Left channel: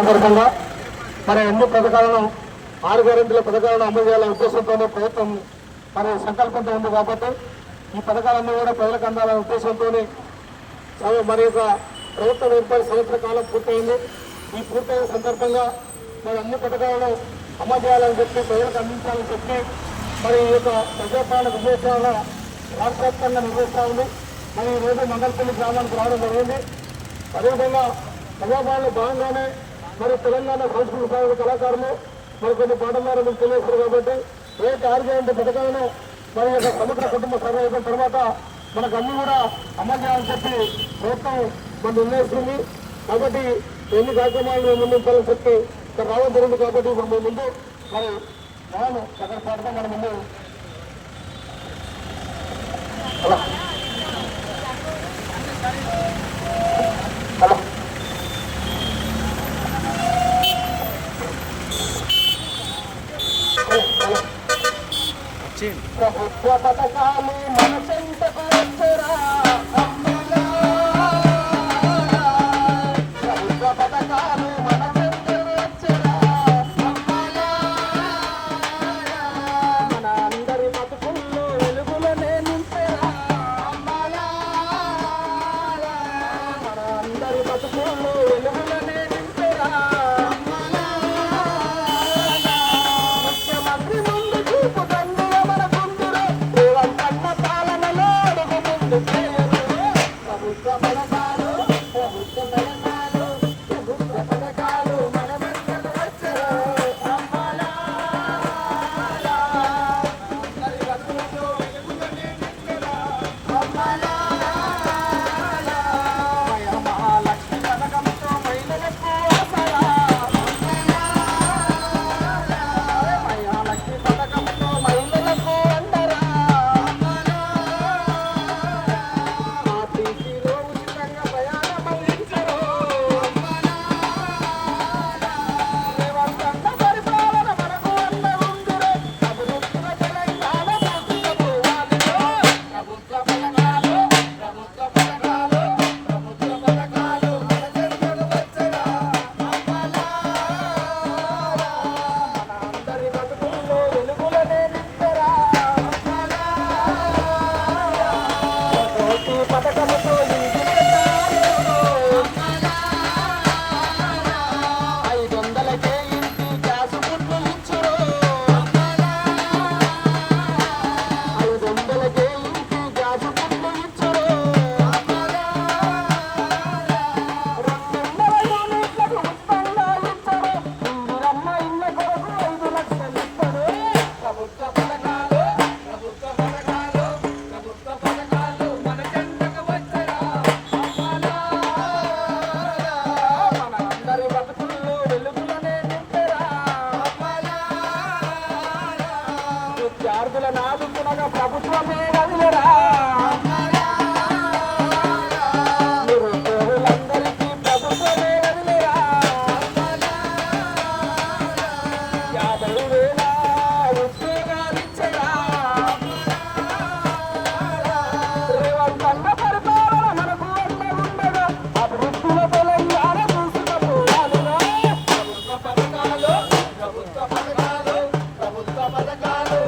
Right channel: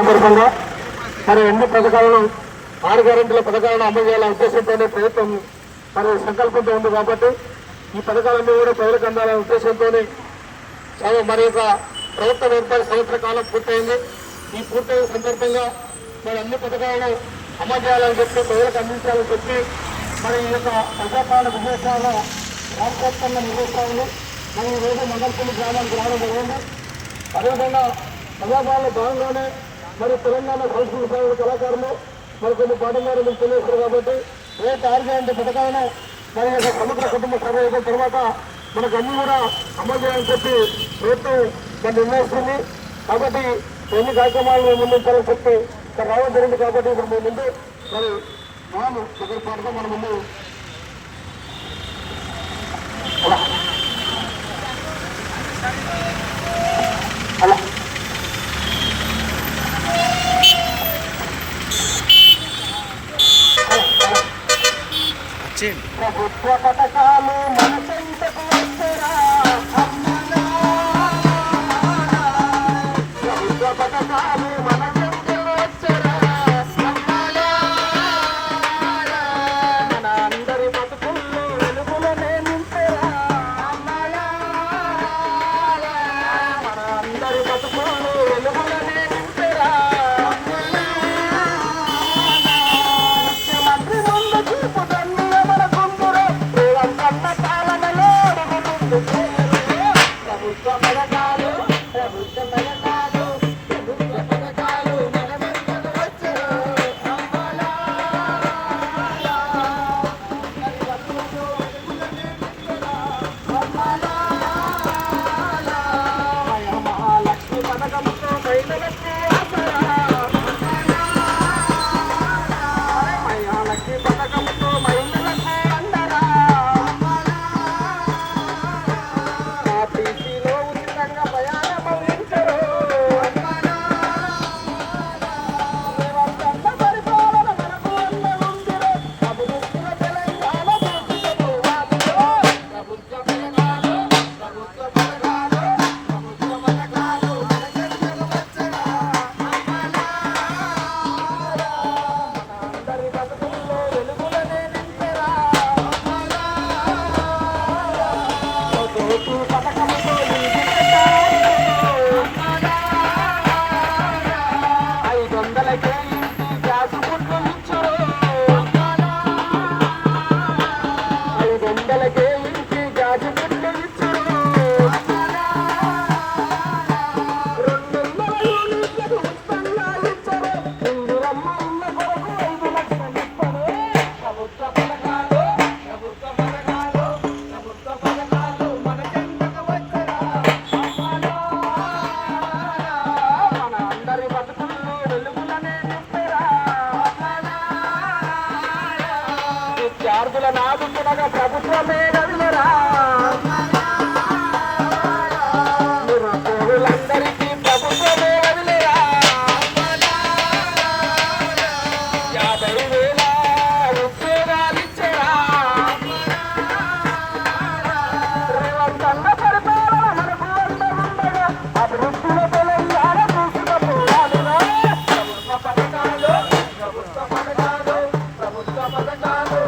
సందర్భంగా మన ఎన్ని పథకాలను 6 గ్యారెంటీల పథకాలను అమలు చేయాలనే ఉద్దేశంతోనే ప్రభుత్వం మన సంకల్పంతో ఉంది కాబట్టి ఈ పథకాలన్నీ కూడా ప్రజలకు అందాలనే ఉద్దేశంతోనే మరి యొక్క ప్రభుత్వం ఏర్పడి సంవత్సర కాలం పూర్తయింది. ఈ పూర్తయిన సందర్భంగా మరి అన్ని పథకాలను అమలు చేయాలని చెప్పి ప్రజలకు అందించాలని చెప్పి మరి ఈ యొక్క ప్రజాపాలన విజయోత్సవాల రాష్ట్ర వ్యాప్తంగా నిర్వహిస్తూ ఉంది. మరి ఈరోజు మంగళపల్లి గ్రామానికి రావడం జరిగింది. అదేవిధంగా ప్రజాపాలన భాగంగానే మరి తెలంగాణ సంస్కృతి సాగు కళాకారులు మరి కొన్ని పాఠశాలలు మీకు తెలియస్తారు కాబట్టి రేపు 6 గ్యారెంటీ పథకాలను మన యొక్క సముద్ర కుటుంబ సభ అయిన తర్వాత మనకు అన్ని కూడా అమలు చేయాలని చెప్పి ప్రభుత్వం మనం నిర్ణయిస్తుంది. కాబట్టి ఎన్ని కార్యక్రమాలను ముందుంచాలని చెప్పి ఇక్కడ రావడం జరిగింది. కాబట్టి ఇప్పుడు మీ ముందు మరి మనం సగర పాటగా మన ముందు అలా అలా ప్రభుత్వ పథకాలు మన చెంతకు వచ్చరా, ప్రభుత్వ పథకాలు మన చెంతకు వచ్చరా, మన అందరి బతుకుల్లో వెలుగులనే నింపరా, మన అందరి బతుకుల్లో వెలుగులనే నింపరా. విద్యార్థుల నాదుకునగా ప్రభుత్వమే నడియరా, నిరుద్యోగులందరికీ ప్రభుత్వమే వదిలేరా, 50,000 ఉద్యోగాలిచ్చరా, రేవంతన్న పరిపాలన మనకు అండగా అభివృద్ధిలో తెలంగాణ తీసుకుపోవాలిరా. ప్రభుత్వ పథకాలు ప్రభుత్వ పథకాలు ప్రభుత్వ పథకాలు